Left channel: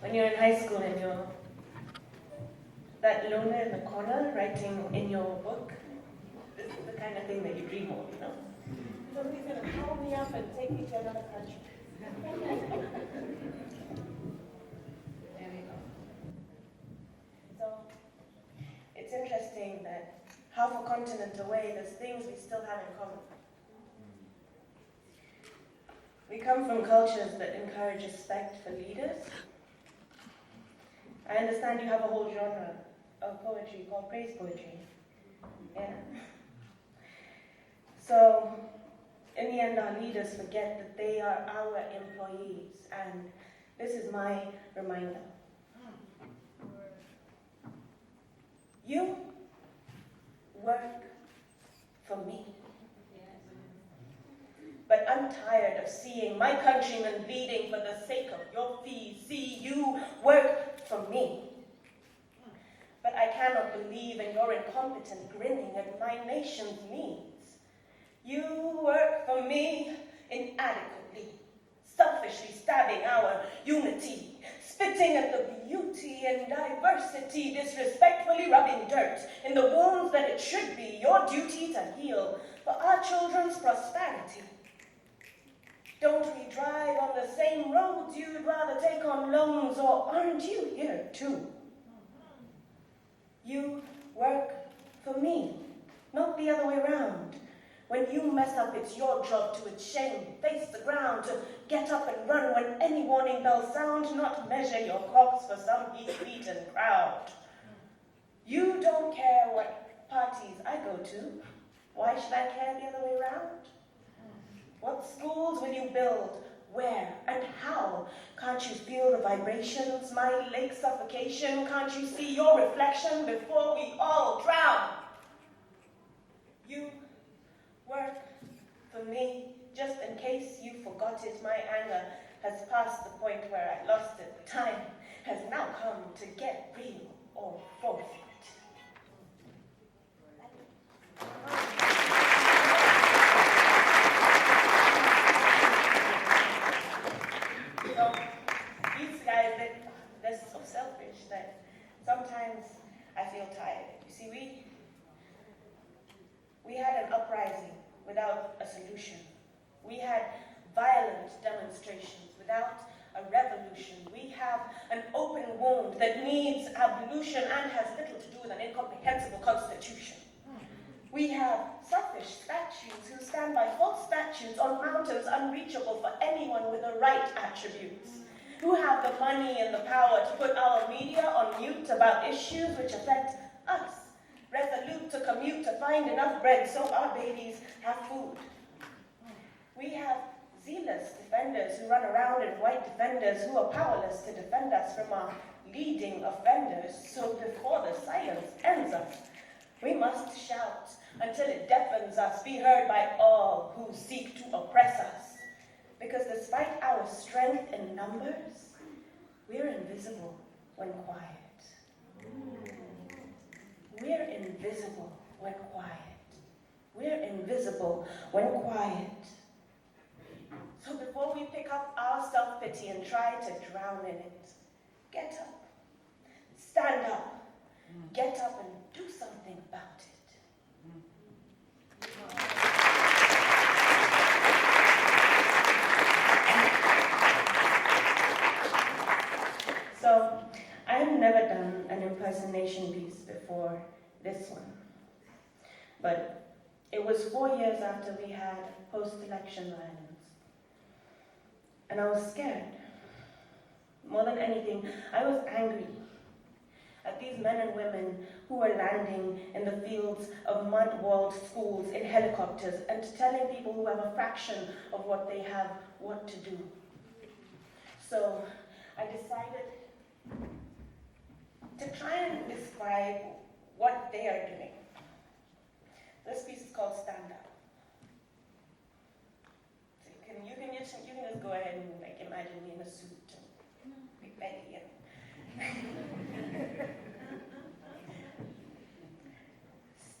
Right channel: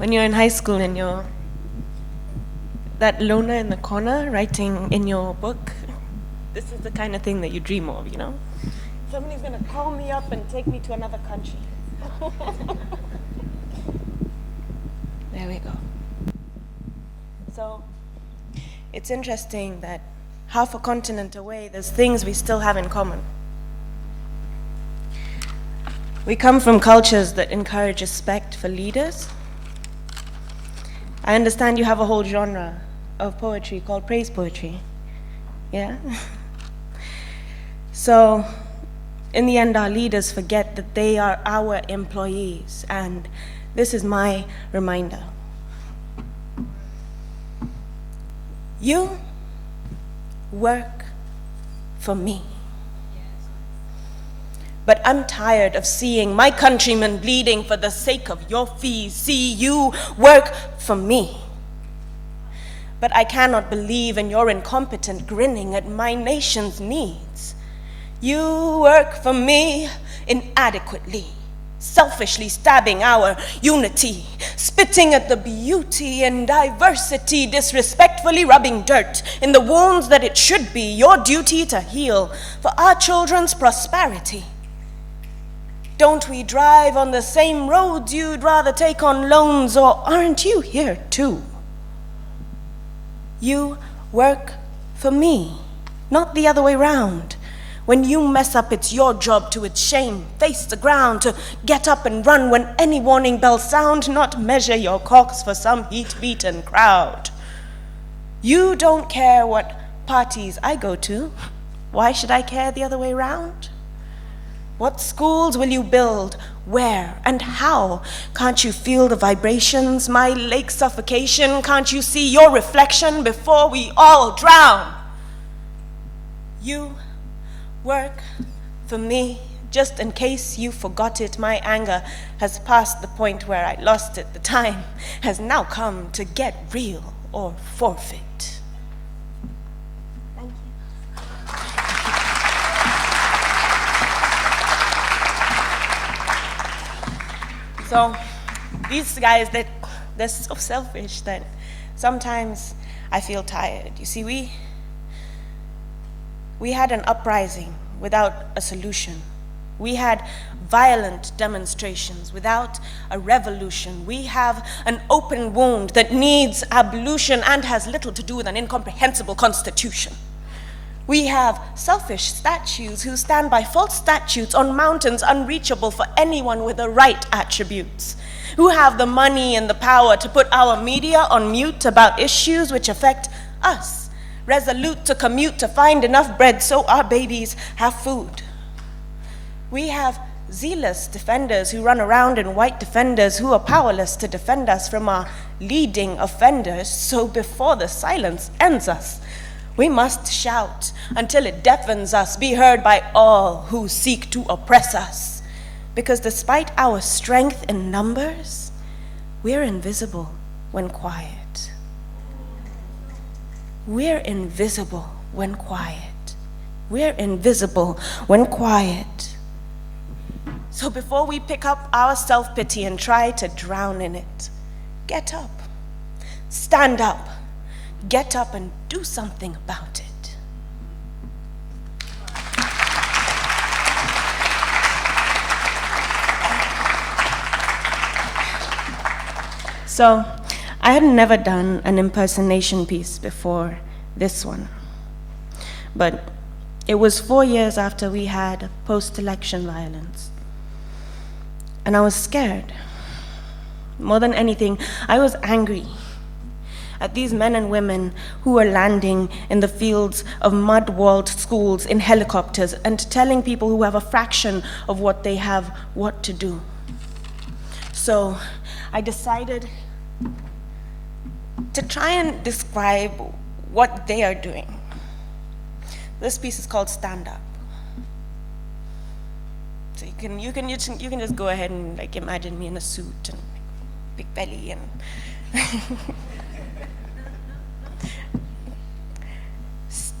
when you're in high school and you're that loner in the corner writing in your book, this is the kind of thing that you dream of, you know? Somebody's gonna call me up and take me to another country. There we go. So, it's interesting that half a continent away, there's things we still have in common. We come from cultures that encourage respect for leaders. I understand you have a whole genre of poetry called praise poetry. Yeah? So, in the end, our leaders forget that they are our employees, and this is my reminder. You work for me. But I'm tired of seeing my countrymen bleeding for the sake of your fees. See, you work for me. But I cannot believe in your incompetent grinning at my nation's needs. You work for me inadequately, selfishly stabbing our unity, spitting at the beauty and diversity, disrespectfully rubbing dirt in the wounds that it should be your duty to heal for our children's prosperity. Don't we drive on the same roads you'd rather take on loans, or aren't you here too? You work for me, not the other way round. When you mess up, it's your job to its shame, face the ground, to get up and run when any warning bells sound, not measure your cocks for some heat-beaten crowd. You don't care what parties I go to. Why should I care the other way round? What schools will you build? Where and how? Can't you feel the vibrations, my lake suffocation? Can't you see your reflection before we all drown? You work for me. Just in case you forgot it, my anger has passed the point where I lost it. The time has now come to get real or forfeit. So these guys, they're so selfish that sometimes I feel tired. You see, we had an uprising without a solution. We had violent demonstrations without a revolution. We have an open wound that needs ablution and has little to do with an incomprehensible constitution. We have selfish statues who stand by false statutes on mountains unreachable for anyone with the right attributes, who have the money and the power to put our media on mute about issues which affect us, resolute to commute to find enough bread so our babies have food. We have zealous defenders who run around in white defenders who are powerless to defend us from our leading offenders, so before the silence ends us, we must shout until it deafens us, be heard by all who seek to oppress us. Because despite our strength in numbers, we're invisible when quiet. We're invisible when quiet. We're invisible when quiet. So before we pick up our self-pity and try to drown in it, get up, stand up, get up and do something about it. So, I had never done an impersonation piece before this one. But it was 4 years after we had post-election violence. And I was scared. More than anything, I was angry at these men and women who are landing in the fields of mud-walled schools in helicopters and telling people who have a fraction of what they have what to do. So I decided to try and describe what they are doing. This piece is called Stand Up. So you can just go ahead and like imagine me in a suit and big belly and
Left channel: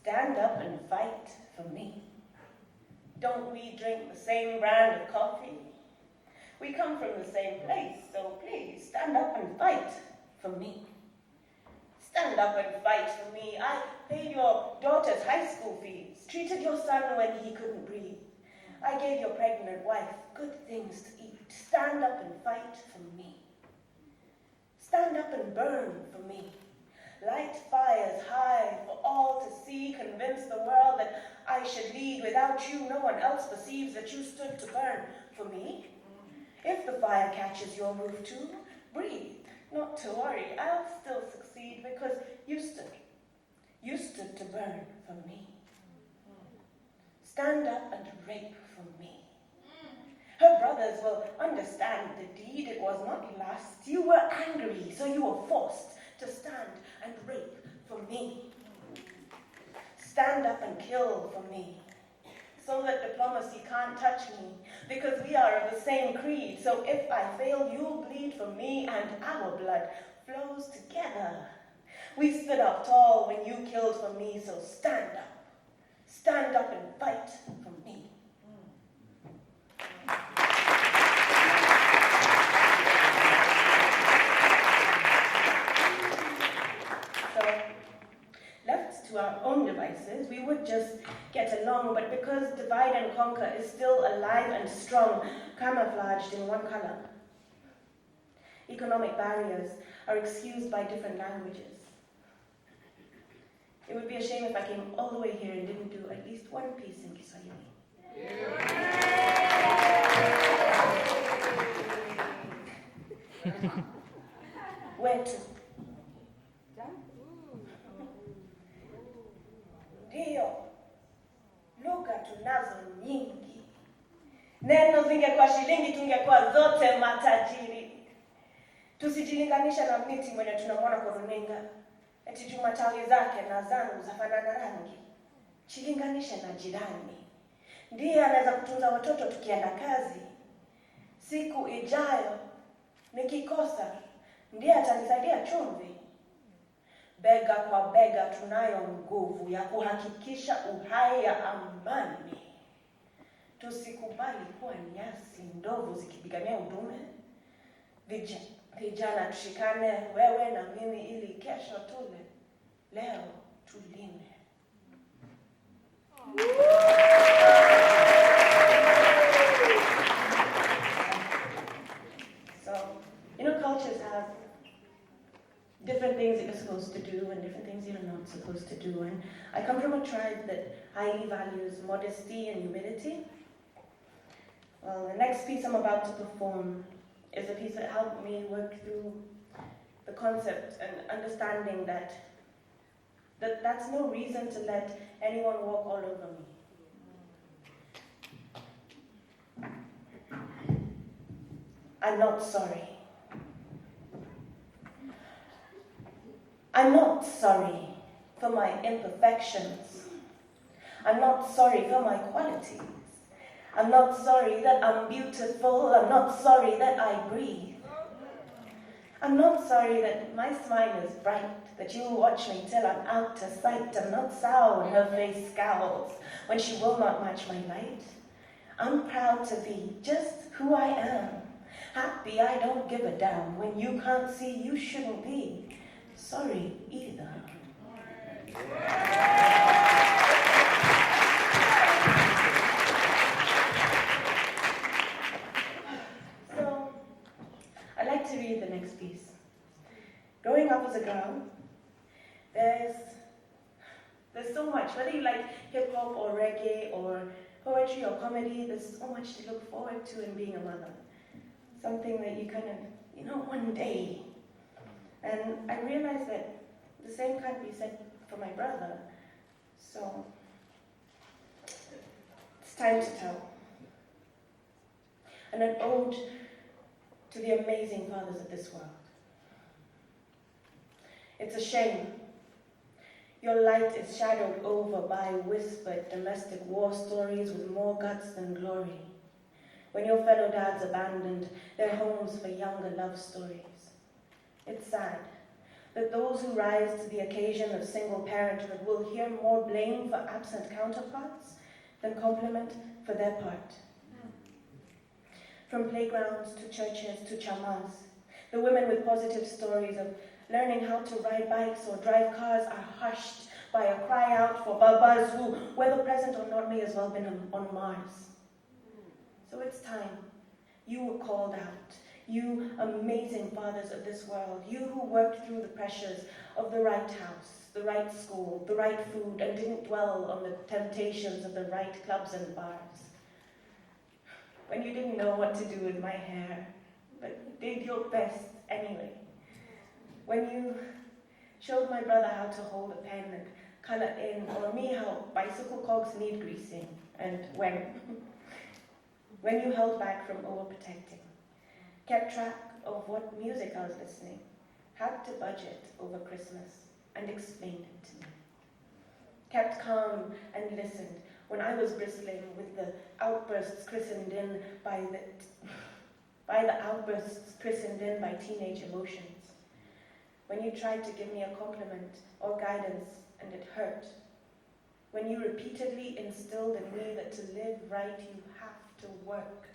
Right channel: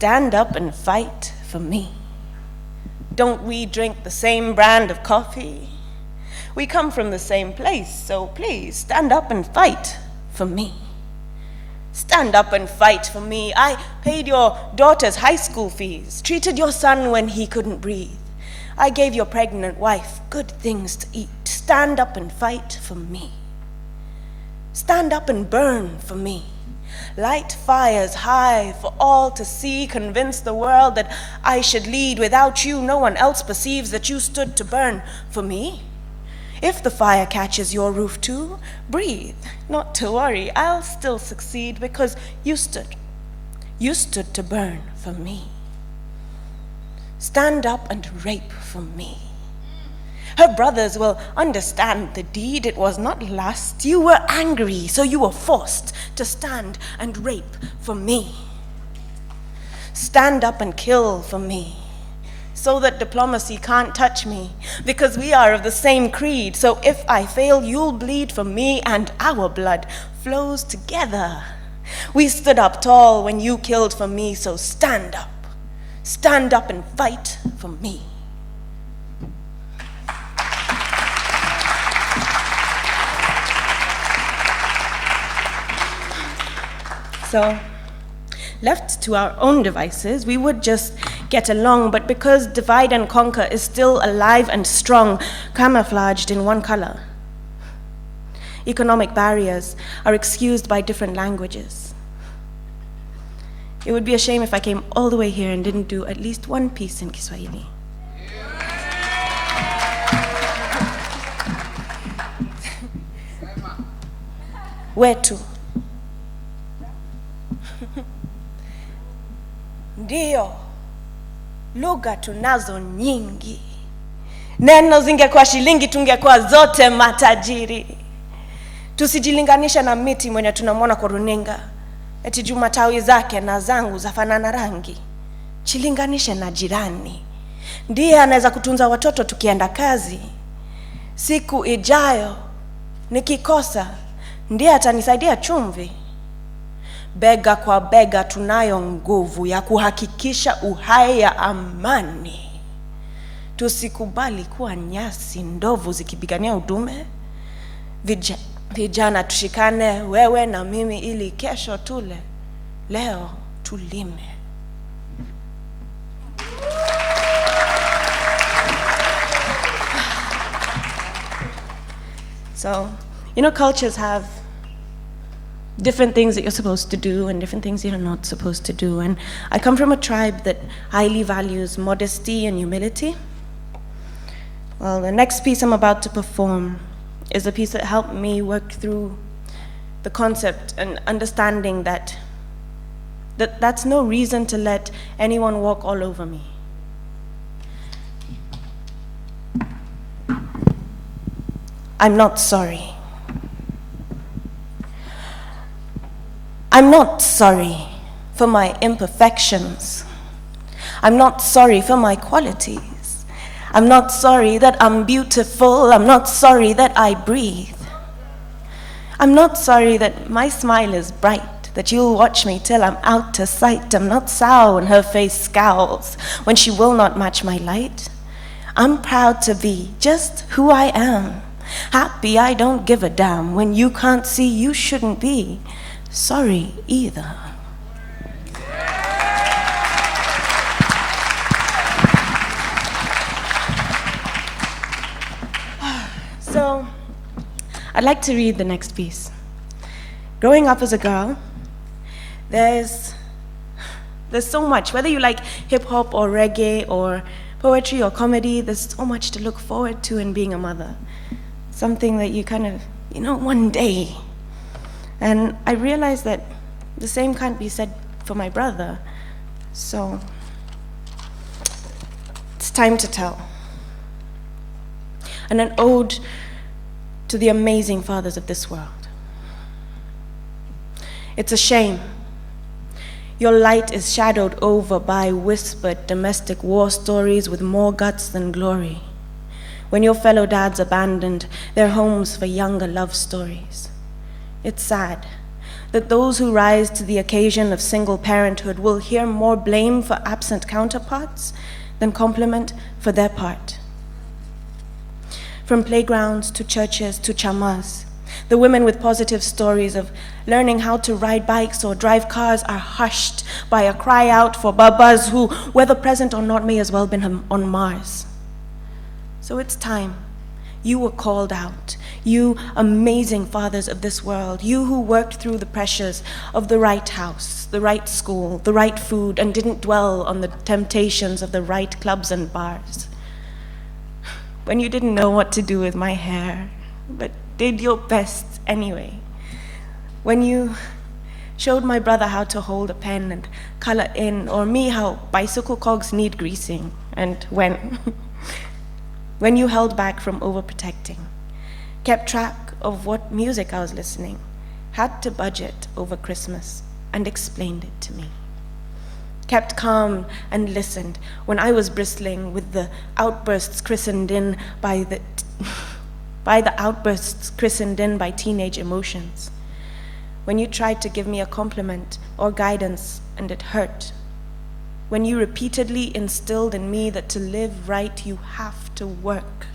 stand up and fight for me. Don't we drink the same brand of coffee? We come from the same place, so please stand up and fight for me. Stand up and fight for me. I paid your daughter's high school fees, treated your son when he couldn't breathe. I gave your pregnant wife good things to eat. Stand up and fight for me. Stand up and burn for me. Light fires high for all to see. Convince the world that I should lead. Without you, no one else perceives that you stood to burn for me. If the fire catches your roof too, breathe. Not to worry, I'll still succeed because you stood. You stood to burn for me. Stand up and rape for me. Her brothers will understand the deed. It was not lust. You were angry, so you were forced to stand and rape for me. Stand up and kill for me, so that diplomacy can't touch me, because we are of the same creed. So if I fail, you'll bleed for me, and our blood flows together. We stood up tall when you killed for me, so stand up. Stand up and fight for me. So, left to our own devices, we would just get along, but because divide and conquer is still alive and strong, camouflaged in one color, economic barriers are excused by different languages. It would be a shame if I came all the way here and didn't do at least one piece in Kiswahili. Wetu. Ndio, lugha tunazo nyingi. Neno zingekuwa shilingi tungekuwa zote matajiri. Tusijilinganisha na miti mwenye tunamwona kwa runinga. Eti juu matawi zake na zangu zafanana rangi. Chilinganishe na jirani. Ndiye anaweza kutunza watoto tukienda kazi. Siku ijayo nikikosa, ndiye atanisaidia chumvi. Bega kwa bega tunayo nguvu ya kuhakikisha uhai ya amani. Tusikubali kuwa nyasi ndovu zikipigania udume. Vijana tushikane, wewe na mimi, ili kesho tule, leo tulime. So, cultures have different things that you're supposed to do and different things you're not supposed to do. And I come from a tribe that highly values modesty and humility. Well, the next piece I'm about to perform is a piece that helped me work through the concept and understanding that that's no reason to let anyone walk all over me. I'm not sorry. I'm not sorry for my imperfections. I'm not sorry for my qualities. I'm not sorry that I'm beautiful. I'm not sorry that I breathe. I'm not sorry that my smile is bright, that you'll watch me till I'm out of sight. I'm not sour when her face scowls, when she will not match my light. I'm proud to be just who I am. Happy I don't give a damn. When you can't see, you shouldn't be sorry either. So, I'd like to read the next piece. Growing up as a girl, there's so much, whether you like hip hop or reggae or poetry or comedy, there's so much to look forward to in being a mother. Something that you kind of, one day. And I realized that the same can't be said for my brother. So, it's time to tell. And an ode to the amazing fathers of this world. It's a shame. Your light is shadowed over by whispered domestic war stories with more guts than glory. When your fellow dads abandoned their homes for younger love stories. It's sad that those who rise to the occasion of single parenthood will hear more blame for absent counterparts than compliment for their part. from playgrounds to churches to chamas. The women with positive stories of learning how to ride bikes or drive cars are hushed by a cry out for babas who, whether present or not, may as well have been on Mars. So it's time. You were called out. You amazing fathers of this world. You who worked through the pressures of the right house, the right school, the right food, and didn't dwell on the temptations of the right clubs and bars. When you didn't know what to do with my hair, but did your best anyway. When you showed my brother how to hold a pen and color in, or me how bicycle cogs need greasing, and when you held back from overprotecting, kept track of what music I was listening, had to budget over Christmas, and explained it to me. Kept calm and listened when I was bristling with the outbursts christened in by teenage emotions. When you tried to give me a compliment or guidance and it hurt. When you repeatedly instilled in me that to live right, you have to work.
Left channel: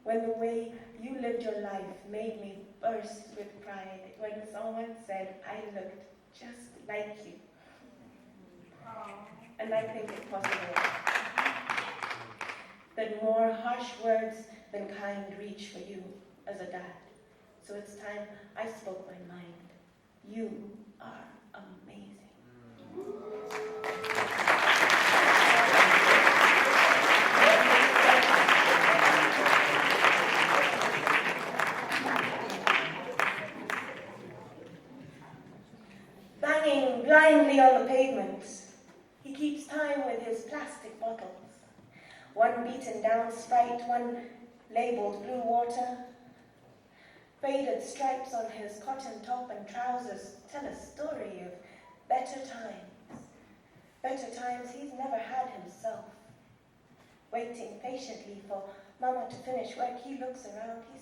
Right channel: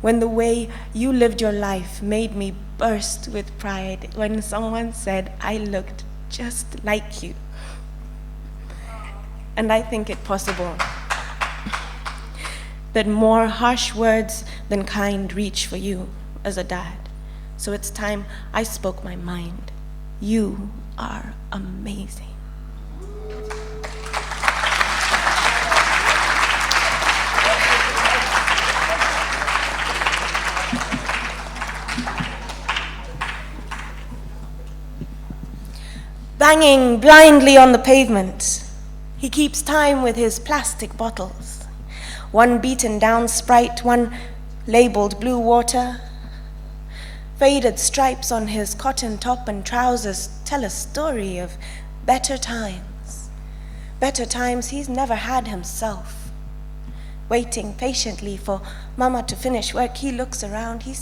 When the way you lived your life made me burst with pride when someone said I looked just like you. And I think it possible that more harsh words than kind reach for you as a dad. So it's time I spoke my mind. You are amazing. Banging blindly on the pavement, he keeps time with his plastic bottles. One beaten down Sprite, one labeled blue water. Faded stripes on his cotton top and trousers tell a story of better times. Better times he's never had himself. Waiting patiently for Mama to finish work, he looks around, he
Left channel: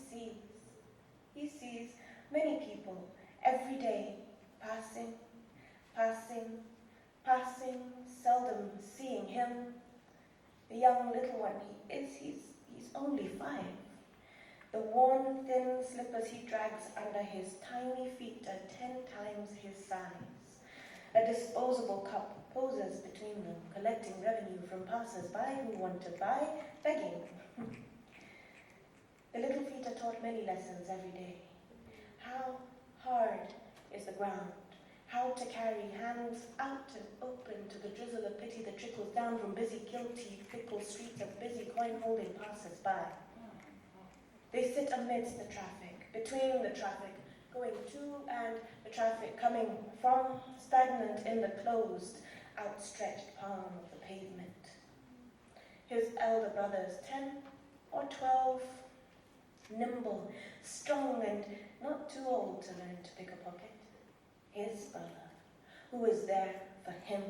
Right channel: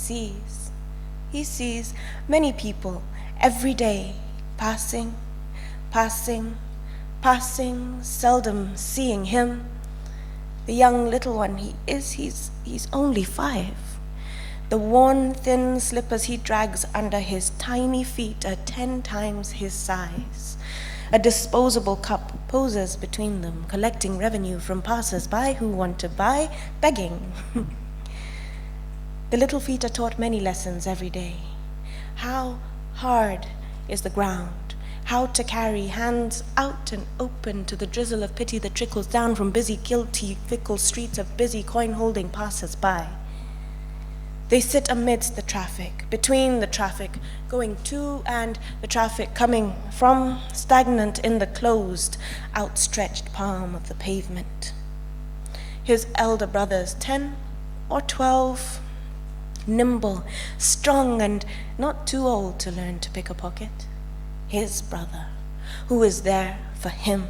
sees many people every day passing, seldom seeing him. The young little one he's only 5. The worn, thin slippers he drags under his tiny feet are 10 times his size. A disposable cup poses between them, collecting revenue from passers-by who want to buy, begging. The little feet are taught many lessons every day. How hard is the ground? How to carry hands out and open to the drizzle of pity that trickles down from busy, guilty, fickle streets of busy, coin-holding passers-by. They sit amidst the traffic, between the traffic going to and the traffic coming from, stagnant in the closed, outstretched palm of the pavement. His elder brothers, 10 or 12, nimble, strong, and not too old to learn to pick a pocket. His brother, who is there for him,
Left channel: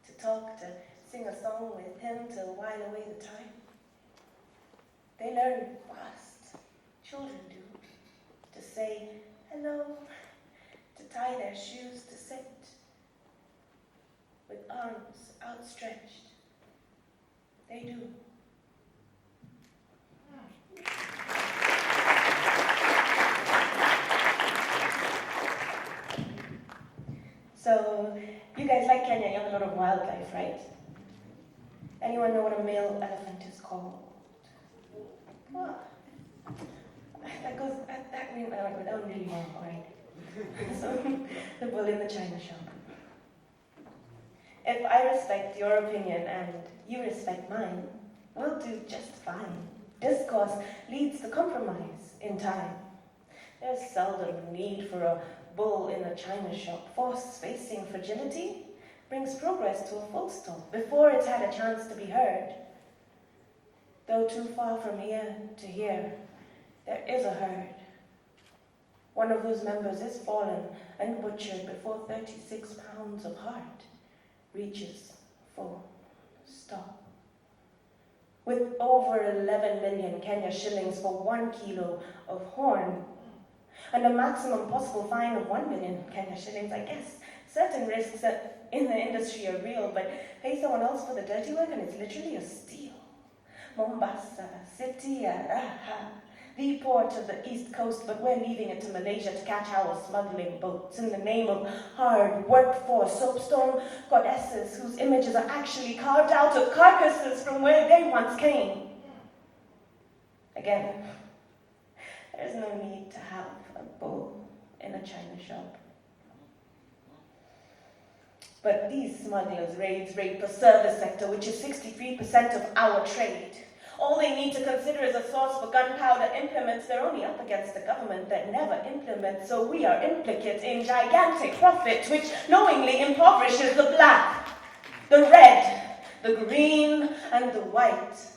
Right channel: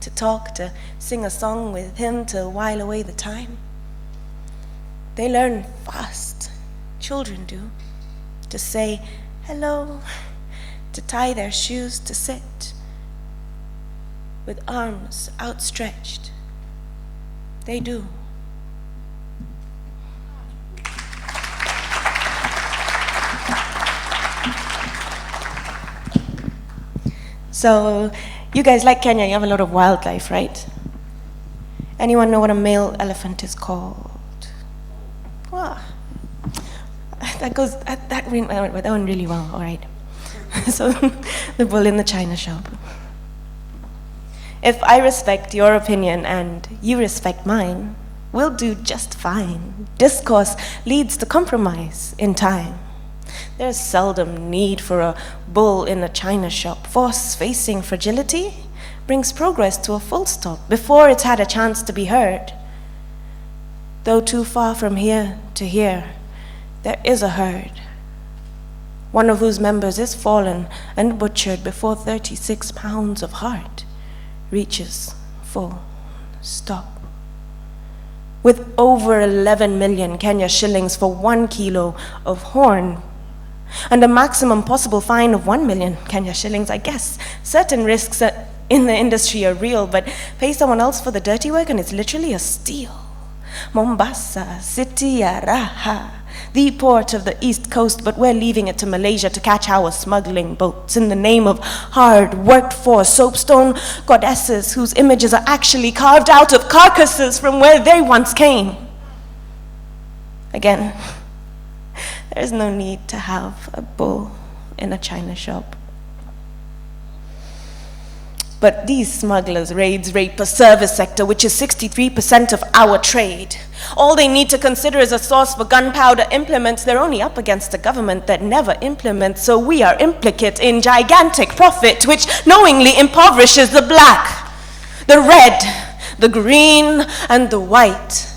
to talk, to sing a song with him, to while away the time. They learn fast, children do, to say hello, to tie their shoes, to sit with arms outstretched. They do. So, you guys like Kenya, you have a lot of wildlife, right? Anyone know what a male elephant is called? Wow. That went really well, all right. So, the bull in the china shop. If I respect your opinion and you respect mine, we'll do just fine. Discourse leads to compromise in time. There's seldom need for a bull in a china shop. Force facing fragility brings progress to a full stop before it's had a chance to be heard. Though too far from here to here, there is a herd, one of whose members is fallen and butchered before 36 pounds of heart reaches full stop. With over 11 million Kenya shillings for 1 kilo of horn, and a maximum possible fine of 1 million Kenya shillings, I guess certain risks in the industry are real, but pay someone else for the dirty work and it's literally a steal. Mombasa, city ya raha, the port of the east coast, but we're leaving it to Malaysia to catch our smuggling boats in the name of hard worked for soapstone goddesses whose images are actually carved out of carcasses from where they once came. Again, there's no need to have a bull in a china shop. But these smugglers, raids, rape a service sector, which is 63% of our trade. All they need to consider is a source for gunpowder implements. They're only up against a government that never implements, so we are implicate in gigantic profit, which knowingly impoverishes the black, the red, the green, and the white.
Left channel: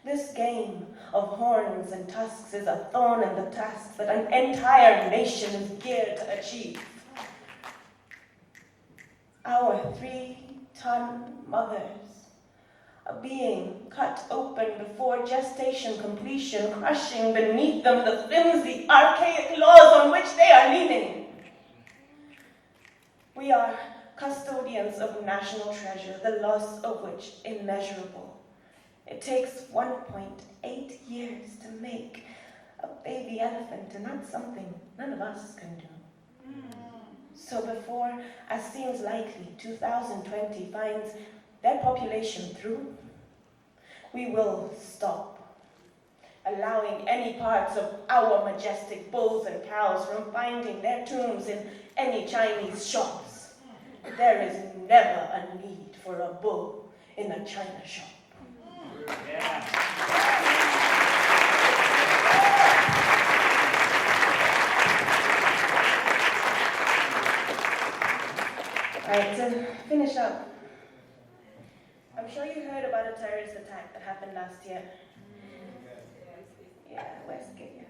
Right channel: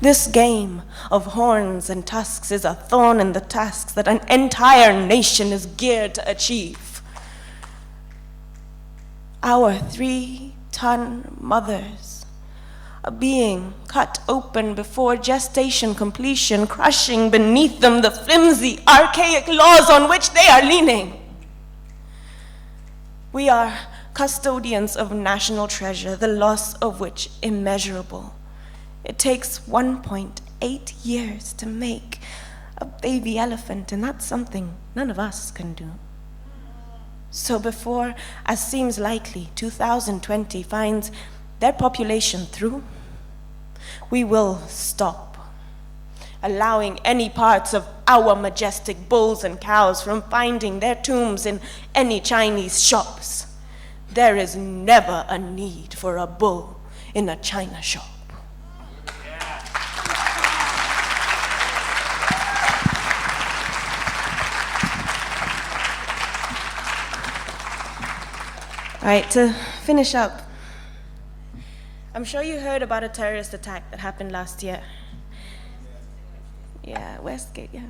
This game of horns and tusks is a thorn in the tasks that an entire nation is geared to achieve. Our 3-ton mothers are being cut open before gestation completion, crushing beneath them the flimsy, archaic laws on which they are leaning. We are custodians of national treasure, the loss of which immeasurable. It takes 1.8 years to make a baby elephant, and that's something none of us can do. So before, as seems likely, 2020 finds their population through, we will stop, allowing any parts of our majestic bulls and cows from finding their tombs in any Chinese shops. There is never a need for a bull in a china shop. All right, to finish up, I'm sure you heard about a terrorist attack that happened last year. Yeah, Westgate, yeah.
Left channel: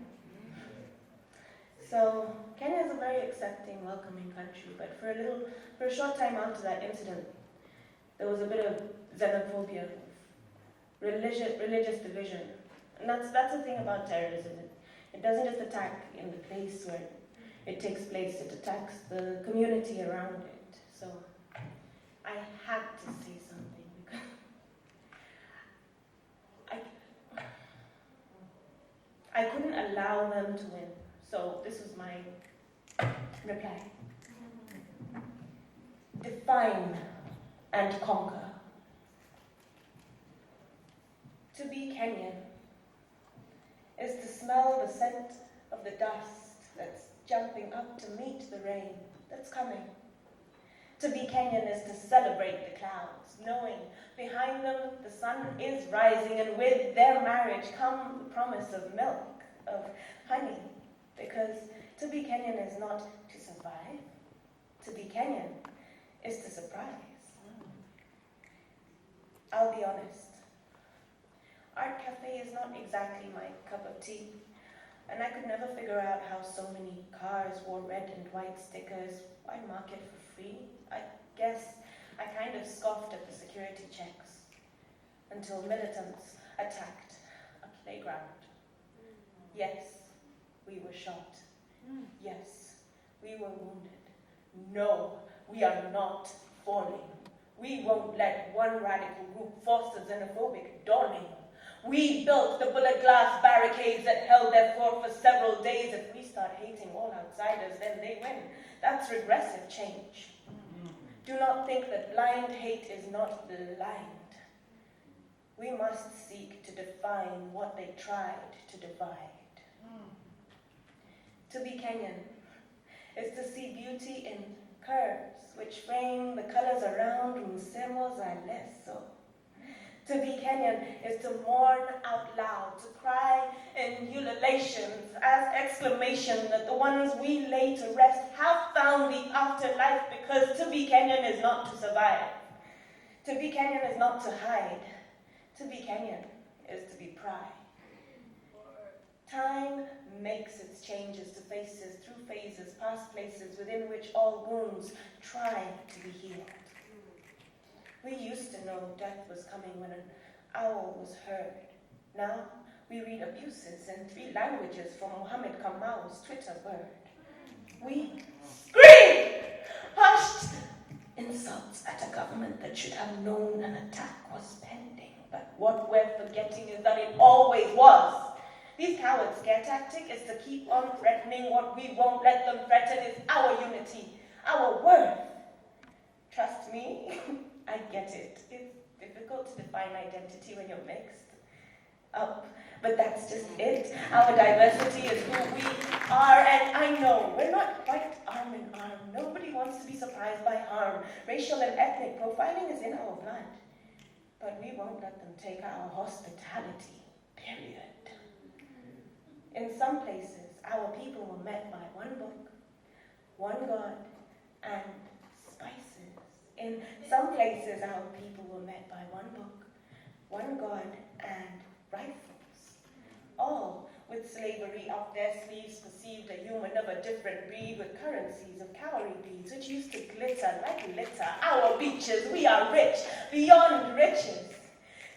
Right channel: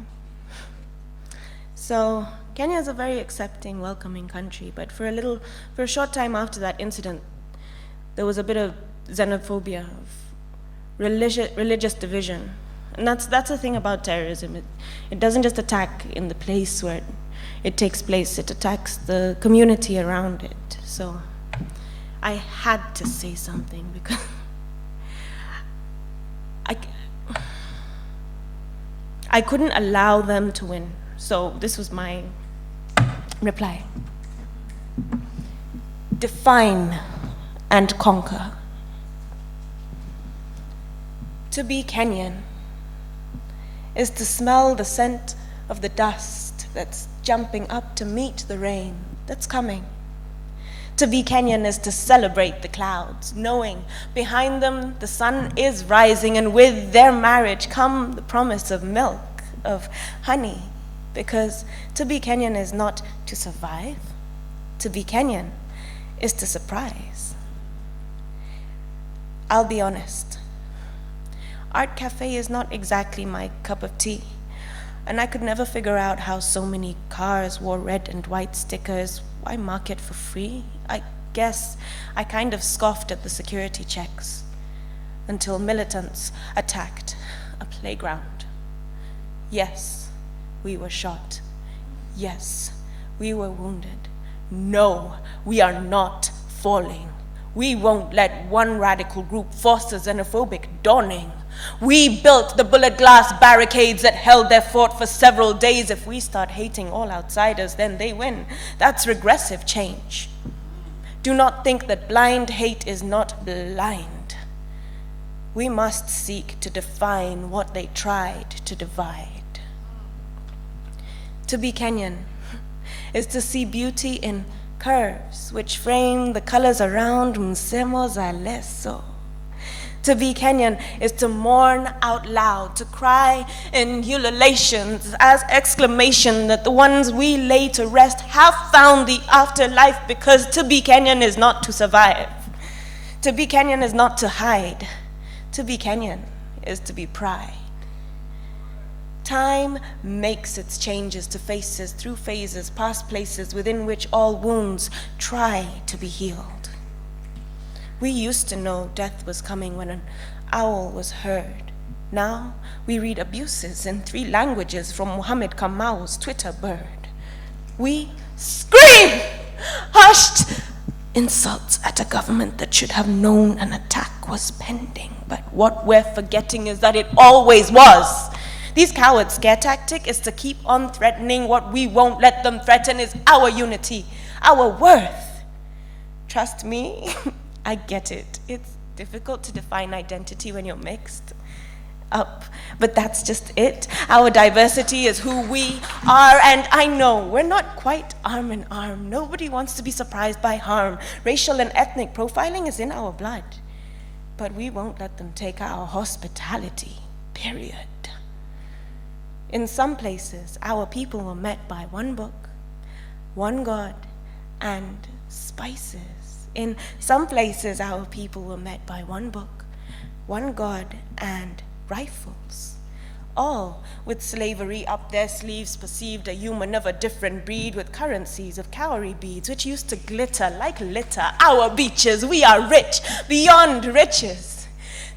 So Kenya is a very accepting, welcoming country, but for a short time after that incident, there was a bit of xenophobia, of religious division. And that's the thing about terrorism. It doesn't just attack in the place where it takes place, it attacks the community around it. So I had to say something because I couldn't allow them to win. So this was my reply. Define and conquer. To be Kenyan is to smell the scent of the dust that's jumping up to meet the rain that's coming. To be Kenyan is to celebrate the clouds, knowing behind them the sun is rising, and with their marriage come the promise of milk, of honey, because to be Kenyan is not to survive. To be Kenyan is to surprise. I'll be honest. Art Cafe is not exactly my cup of tea, and I could never figure out how so many cars wore red and white stickers. Why market for free? I guess I kind of scoffed at the security checks until militants attacked a playground. Yes, we were shot. Yes, we were wounded. No, we are not falling. We won't let one radical group force a xenophobic dawning. We built the bullet glass barricades that held their fort for several days. If we start hating all outsiders, then they win. That's regressive change. Do not think that blind hate is not blind. We must seek to define what they tried to divide. To be Kenyan is to see beauty in curves which frame the colors around msemo za leso. To be Kenyan is to mourn out loud, to cry in ululations as exclamation that the ones we lay to rest have found the afterlife, because to be Kenyan is not to survive. To be Kenyan is not to hide. To be Kenyan is to be pride. Time makes its changes to faces, through phases, past places within which all wounds try to be healed. We used to know death was coming when an owl was heard. Now we read abuses in 3 languages from Muhammad Kamau's Twitter bird. We scream hushed insults at a government that should have known an attack was pending. But what we're forgetting is that it always was. These cowards' scare tactic is to keep on threatening what we won't let them threaten is our unity, our worth. Trust me, I get it. It's difficult to define identity when you're mixed up, but that's just it. Our diversity is who we are, and I know we're not quite arm in arm. Nobody wants to be surprised by harm. Racial and ethnic profiling is in our blood, but we won't let them take our hospitality, period. In some places, our people were met by one book, one God, and spices. In some places, our people were met by one book, one God, and rifles. All with slavery up their sleeves perceived a human of a different breed with currencies of cowrie beads, which used to glitter like litter. Our beaches, we are rich beyond riches.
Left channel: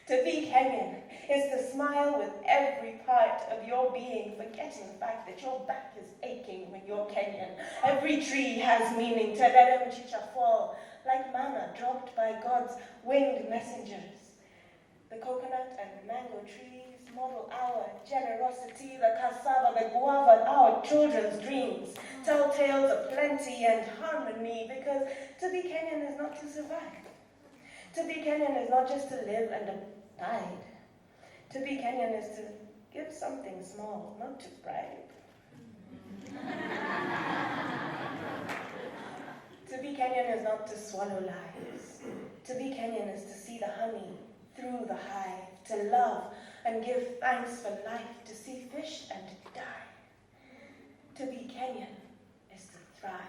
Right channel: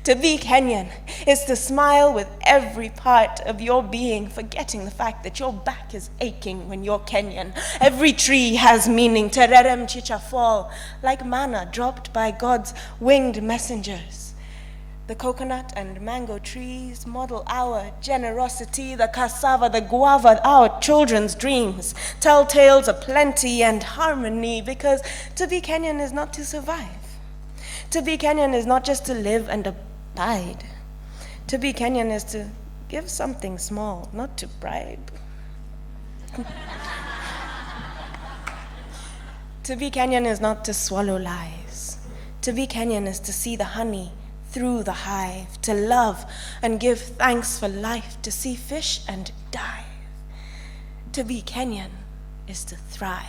To be Kenyan is to smile with every part of your being, forgetting the fact that your back is aching when you're Kenyan. Every tree has meaning. Tererem chicha fall like manna dropped by God's winged messengers. The coconut and mango trees model our generosity, the cassava, the guava, our children's dreams. Tell tales of plenty and harmony, because to be Kenyan is not to survive. To be Kenyan is not just to live and abide. To be Kenyan is to give something small, not to bribe. To be Kenyan is not to swallow lies. To be Kenyan is to see the honey through the hive, to love and give thanks for life, to see fish and dive. To be Kenyan is to thrive.